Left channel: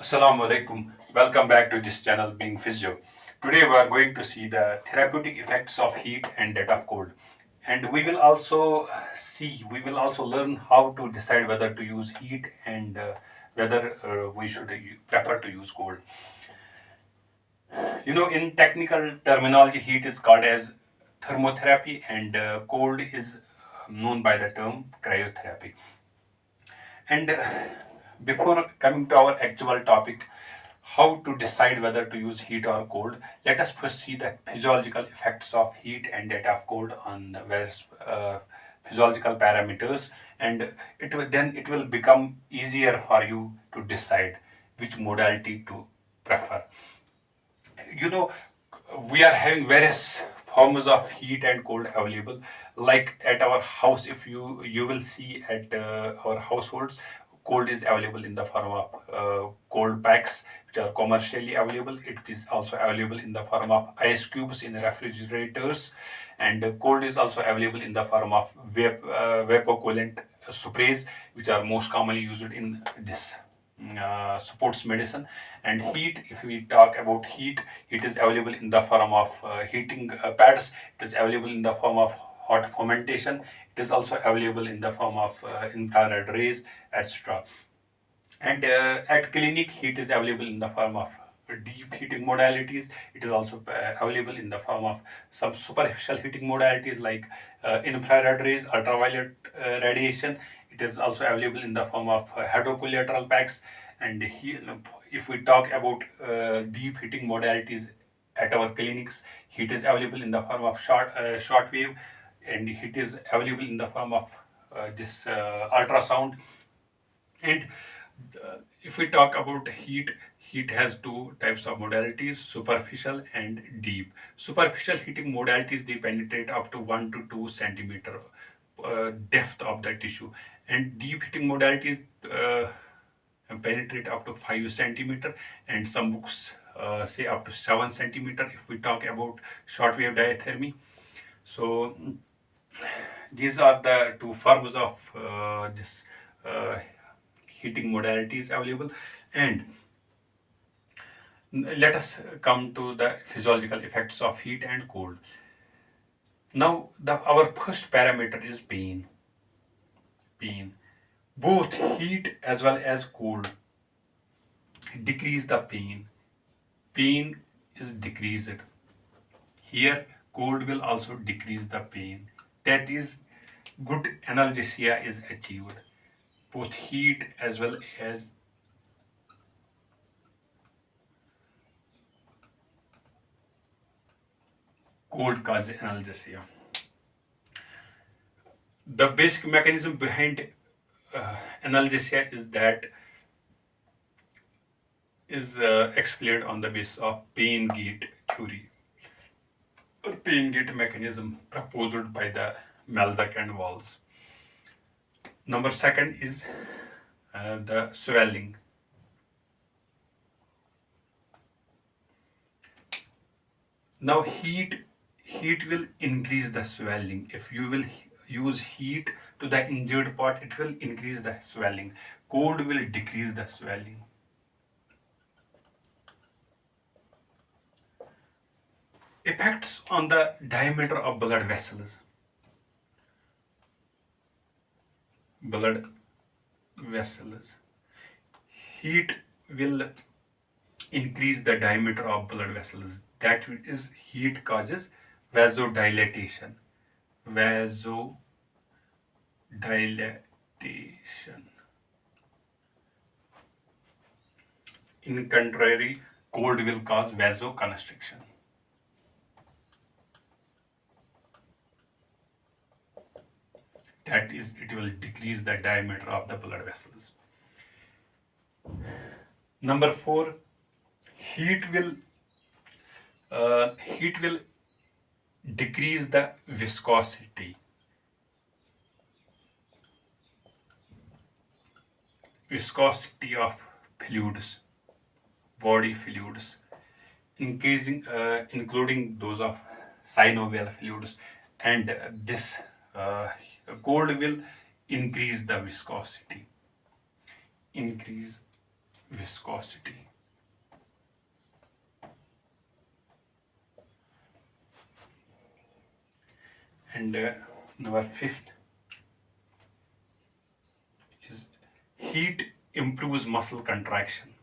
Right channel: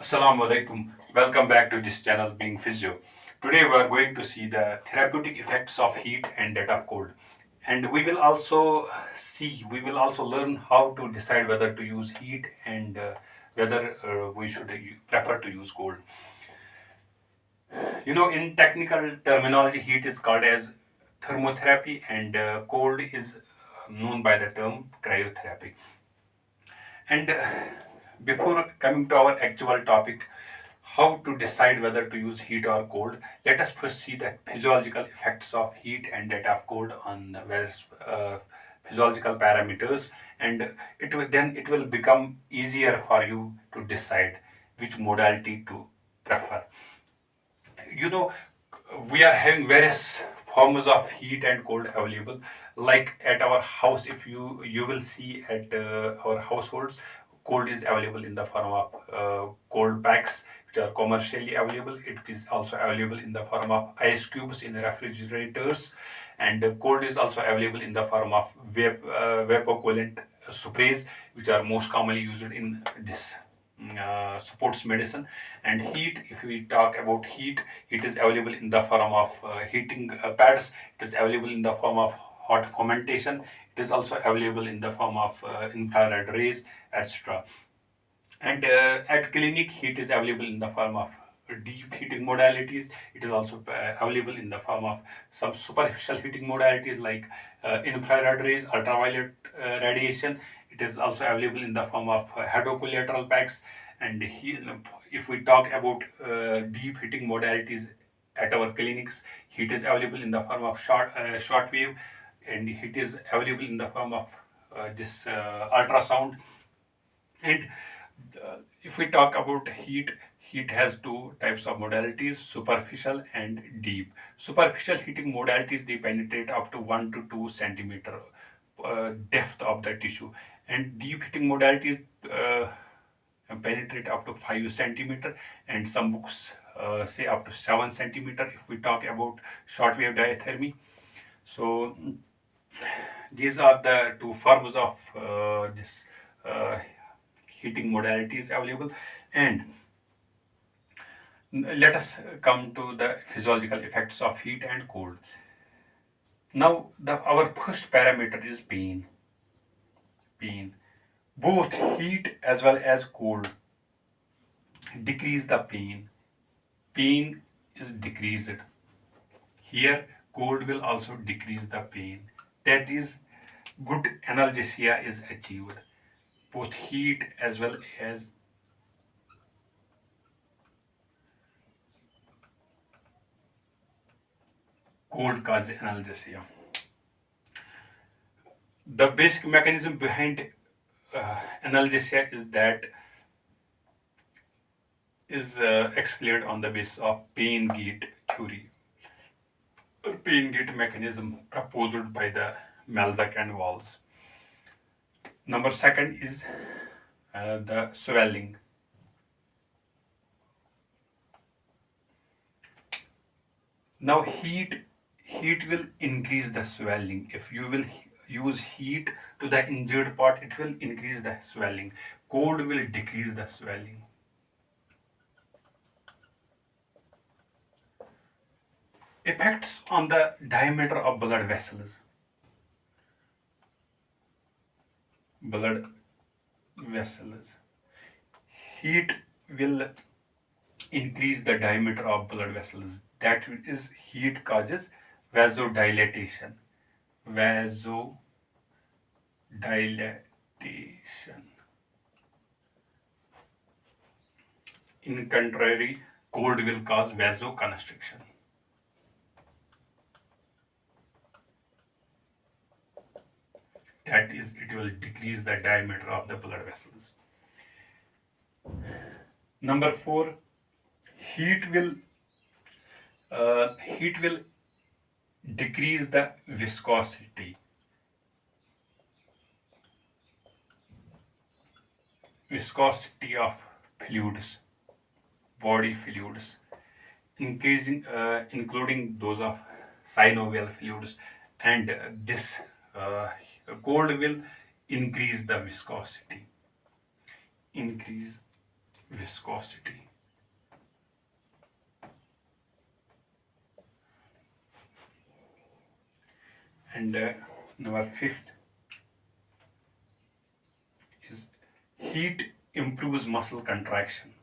Assalamu alaikum. Welcome back to this channel Being Physio. Today we are going to see the therapeutic effects of heat and that of cold. And we will also learn how to decide whether to use heat and whether we should prefer to use cold. In technical terminology, heat is called as thermotherapy and cold is known by the term cryotherapy. And before coming to our actual topic, how to decide whether to use heat or cold, let us first see the physiological effects of heat and that of cold on various physiological parameters, and it will become easier for you to decide which modality to prefer. you know we are having various forms of heat and cold available, like at our house. If you will see at our households, cold is available in the form of cold packs which are commercially available. It is also available in the form of ice cubes in refrigerators, and cold is also available in the form of vapor coolant sprays, which are most commonly used in this sports medicine. And heat, if we talk about heat, it is available in the form of heating pads. It is available in the form of hot fermentation. It is also available in the form of infrared rays, etc. And at clinic, heat is available in the form of deep heating modalities. It is also available in the form of some superficial heating modalities like infrared rays, ultraviolet radiation. It is also available in the form of hydrocollateral packs. And if we talk about deep heating modalities at our clinics, heat is available in the form of short wave, and heat is available in the form of this ultrasound. And if we talk about heat, heat has two types of modalities: superficial and deep. Superficial heating modalities, they penetrate up to 1 to 2 centimeter depth of the tissue, and deep heating modalities penetrate up to 5 centimeter, and some books say up to 7 centimeter if we talk about shortwave diathermy. So these are the two forms of this uh, heating modalities available. And let us come to the physiological effects of heat and cold. Now, our first parameter is pain. Pain. Both heat as well as cold decrease the pain. Pain is decreased. Here, cold will also decrease the pain. That is, good analgesia is achieved. Both heat as well as cold cause analgesia. The basic mechanism behind analgesia is explained on the basis of pain gate theory, or pain gate mechanism proposed by the Melzack and Walls. Number second is the swelling. Now heat will increase the swelling. If you will use heat to the injured part, it will increase the swelling. Cold will decrease the swelling. Effects on the diameter of blood vessels. Blood vessels. Heat will increase the diameter of blood vessels. That is, heat causes vasodilatation. Vasodilatation. In contrary, cold will cause vasoconstriction. That is, it will decrease the diameter of the blood vessels. Number four, heat will heat will decrease the viscosity of fluids, body fluids, including those of synovial fluids, and this uh, cold will increase the viscosity. Increase viscosity. And number fifth is heat improves muscle contraction.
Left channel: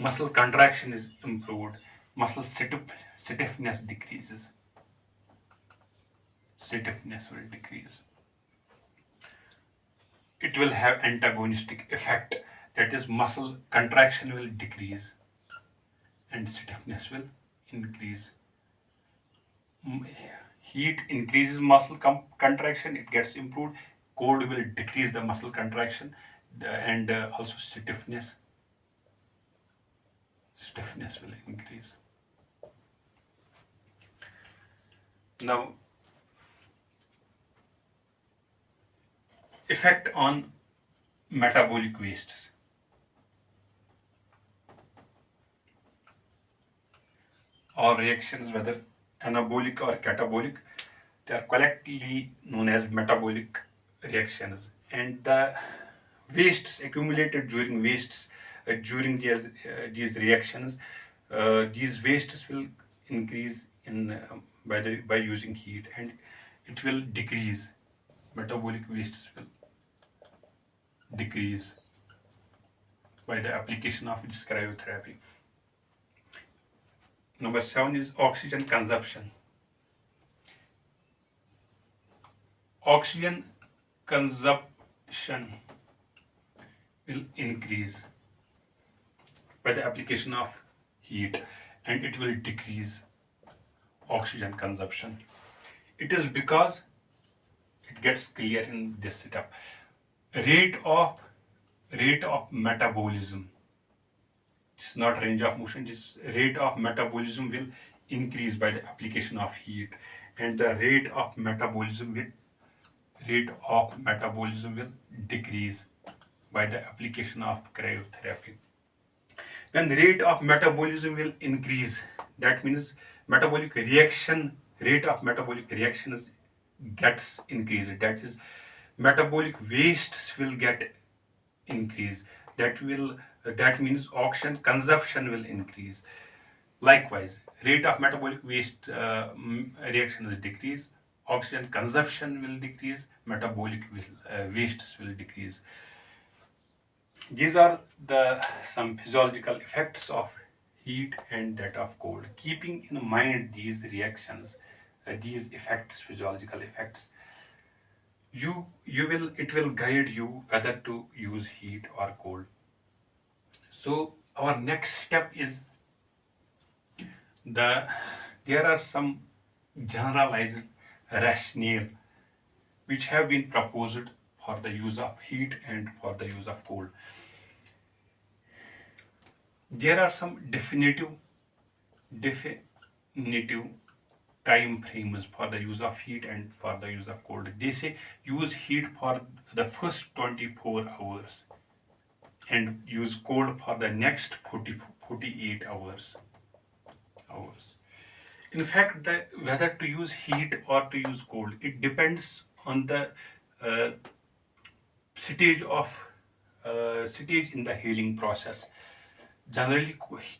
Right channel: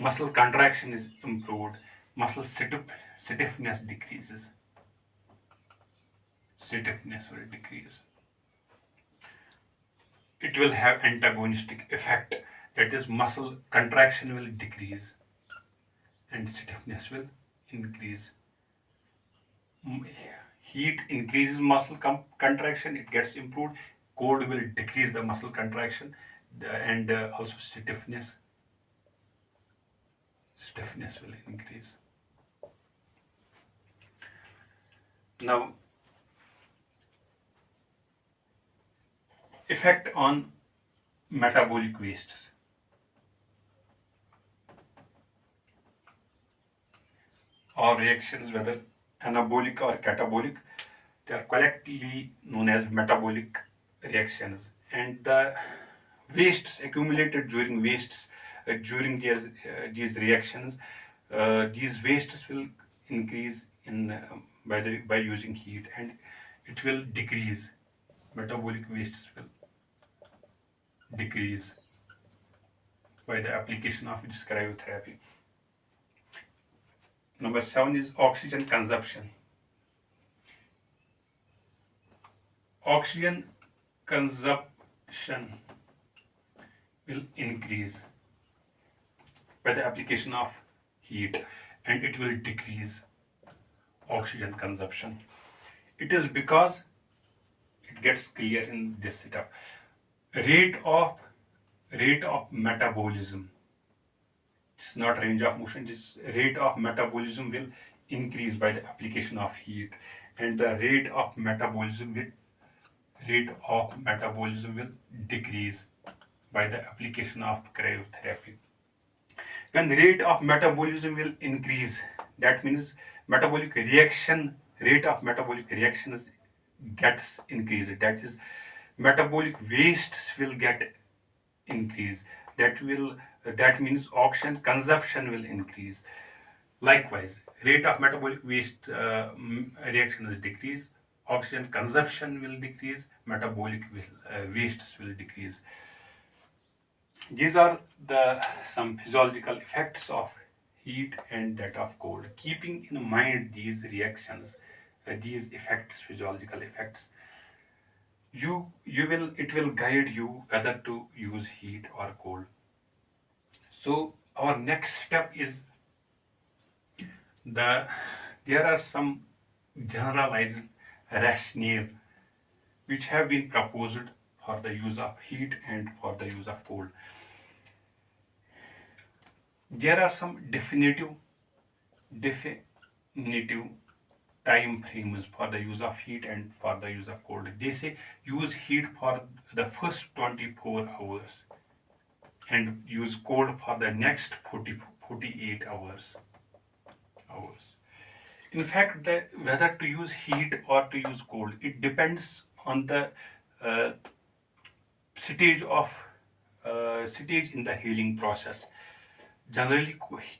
Muscle contraction is improved, muscle stiffness decreases. Stiffness will decrease. It will have antagonistic effect, that is muscle contraction will decrease and stiffness will increase. Heat increases muscle contraction, it gets improved. Cold will decrease the muscle contraction, and also stiffness will increase. Now, effect on metabolic wastes. All reactions, whether anabolic or catabolic, they are collectively known as metabolic reactions. And the wastes accumulated during these reactions, these wastes will increase in by using heat, and it will decrease. Metabolic wastes will decrease by the application of this cryotherapy. Number 7 is oxygen consumption. Oxygen consumption will increase by the application of heat, and it will decrease oxygen consumption. It is because it gets clear in this setup. Rate of metabolism. It's not range of motion. This rate of metabolism will increase by the application of heat, and the rate of metabolism will decrease by the application of cryotherapy. When rate of metabolism will increase, that means metabolic reaction rate of metabolic reactions gets increased. That is, metabolic wastes will get increased. That means oxygen consumption will increase. Likewise, rate of metabolic waste reaction will decrease, oxygen consumption will decrease, metabolic wastes will decrease. These are the some physiological effects of heat and that of cold. Keeping in mind these reactions, these effects, physiological effects, it will guide you whether to use heat or cold. So our next step is there are some generalized rationale which have been proposed for the use of heat and for the use of cold. There are some definitive time frames for the use of heat and for the use of cold. They say use heat for the first 24 hours and use cold for the next 48 hours. In fact, whether to use heat or to use cold, it depends on the uh, stage in the healing process. Generally,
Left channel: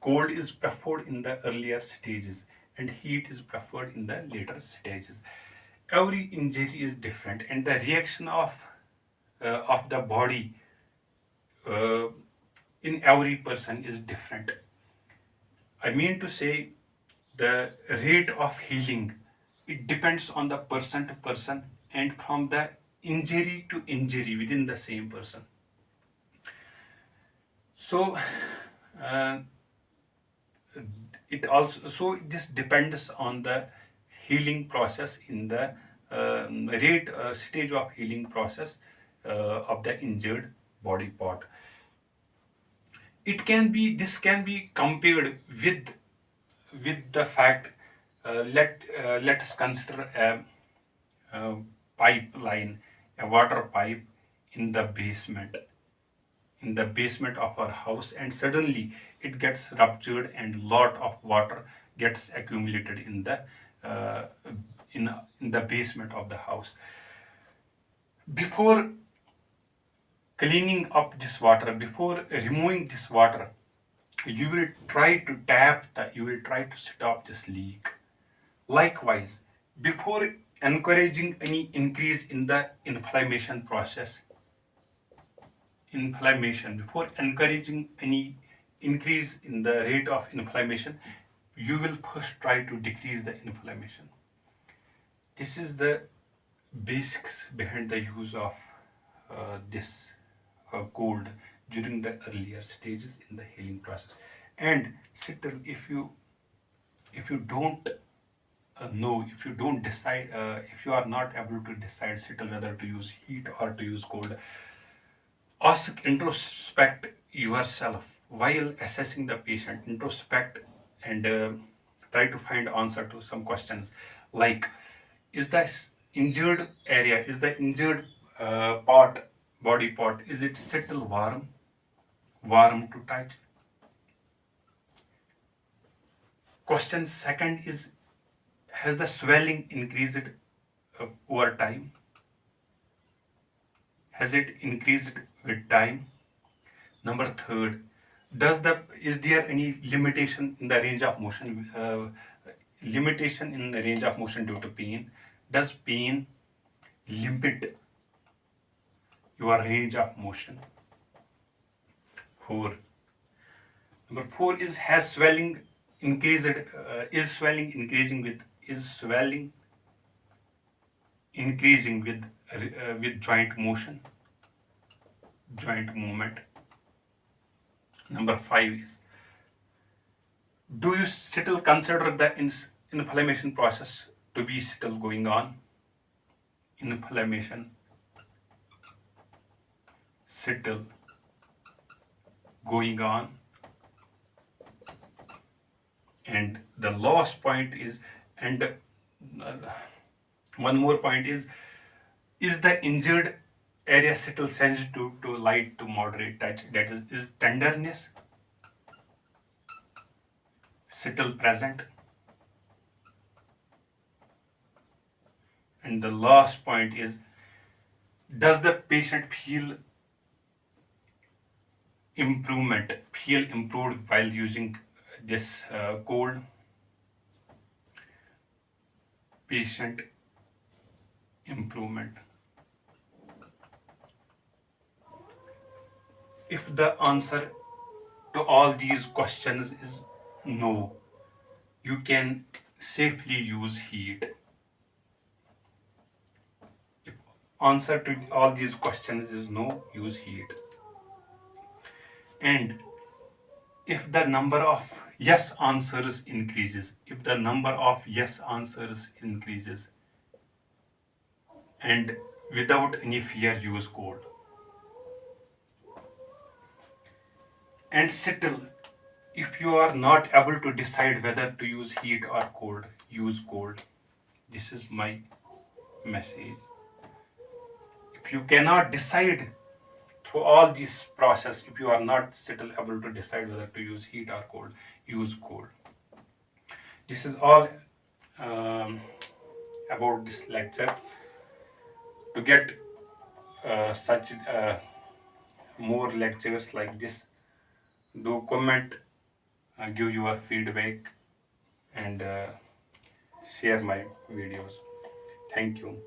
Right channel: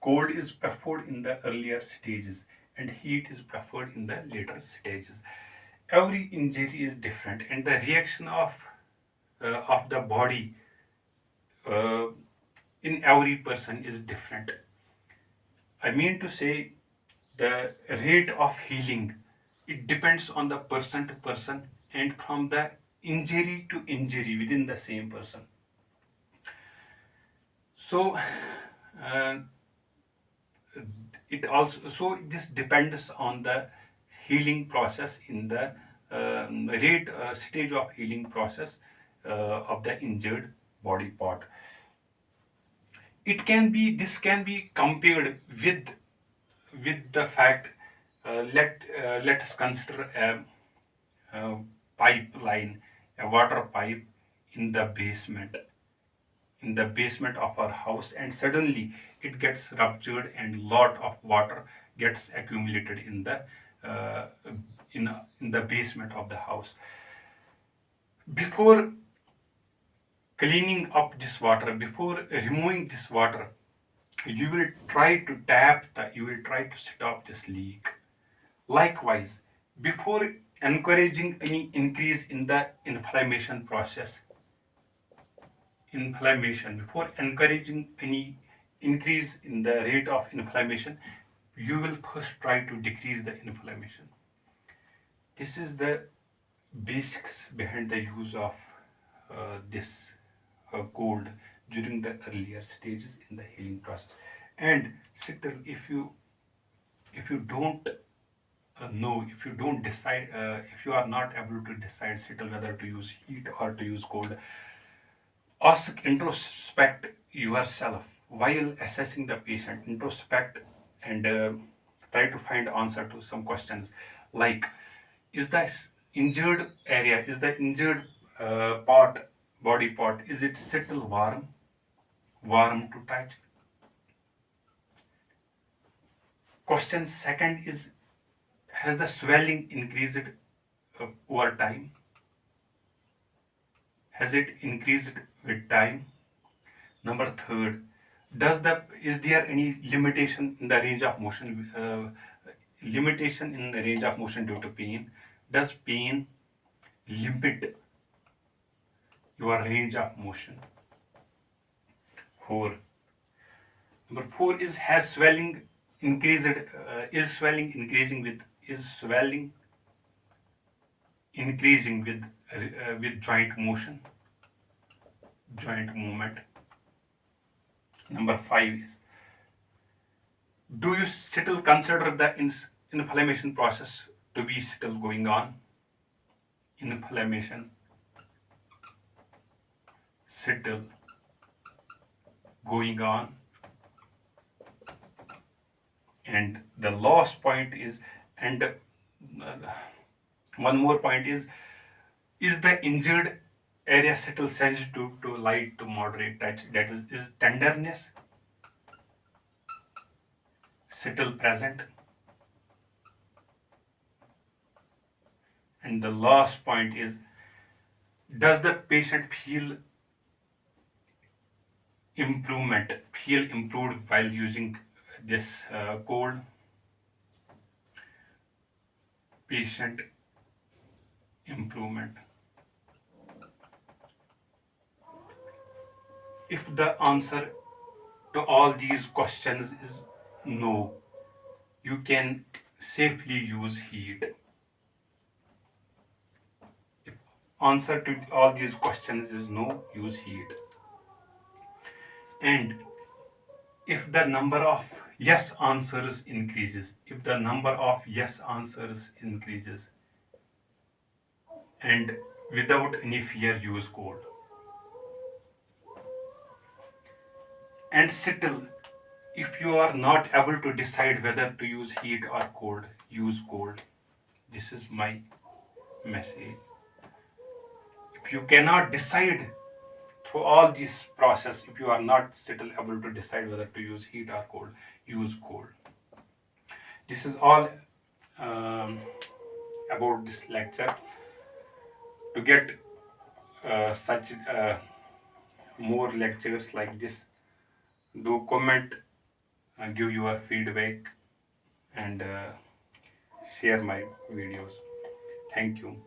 cold is preferred in the earlier stages and heat is preferred in the later stages. Every injury is different, and the reaction of the body uh, in every person is different. I mean to say, the rate of healing, it depends on the person to person and from the injury to injury within the same person. So uh, this depends on the healing process in the rate stage of healing process of the injured body part. This can be compared with the fact, let us consider a pipeline, a water pipe in the basement of our house, and suddenly it gets ruptured and lot of water gets accumulated uh, in the basement of the house. Before cleaning up this water, before removing this water, you will try to you will try to stop this leak. Likewise, before encouraging any increase in the before encouraging any increase in the rate of inflammation, you will first try to decrease the inflammation. This is the basics behind the use of this cold during the earlier stages in the healing process. And still, if you don't know, if you don't decide, if you are not able to decide still whether to use heat or to use cold, ask, introspect yourself while assessing the patient. Introspect and try to find answer to some questions like, is the injured area, is the injured part, body part, is it still warm to touch? Question second is, has the swelling increased over time? Has it increased with time? Number third, is there any limitation in the range of motion? Limitation in the range of motion due to pain. Does pain limit your range of motion? Four. Number four is, has swelling increased? Is swelling increasing with joint motion, joint movement? Number five is, do you still consider the inflammation process to be still going on? Inflammation still going on. And the last point is, and one more point is the injured area still sensitive to light to moderate touch? That is tenderness still present? And the last point is, does the patient feel improved while using this cold? Patient improvement. If the answer to all these questions is no, you can safely use heat. If answer to all these questions is no, use heat. And if the number of yes answers increases, if the number of yes answers increases, and without any fear, use cold. And still, if you are not able to decide whether to use heat or cold, use cold. This is my message. If you cannot decide through all this process, if you are not still able to decide whether to use heat or cold, use cold. This is all um, about this lecture. To get such more lectures like this, do comment and give your feedback and share my videos. Thank you.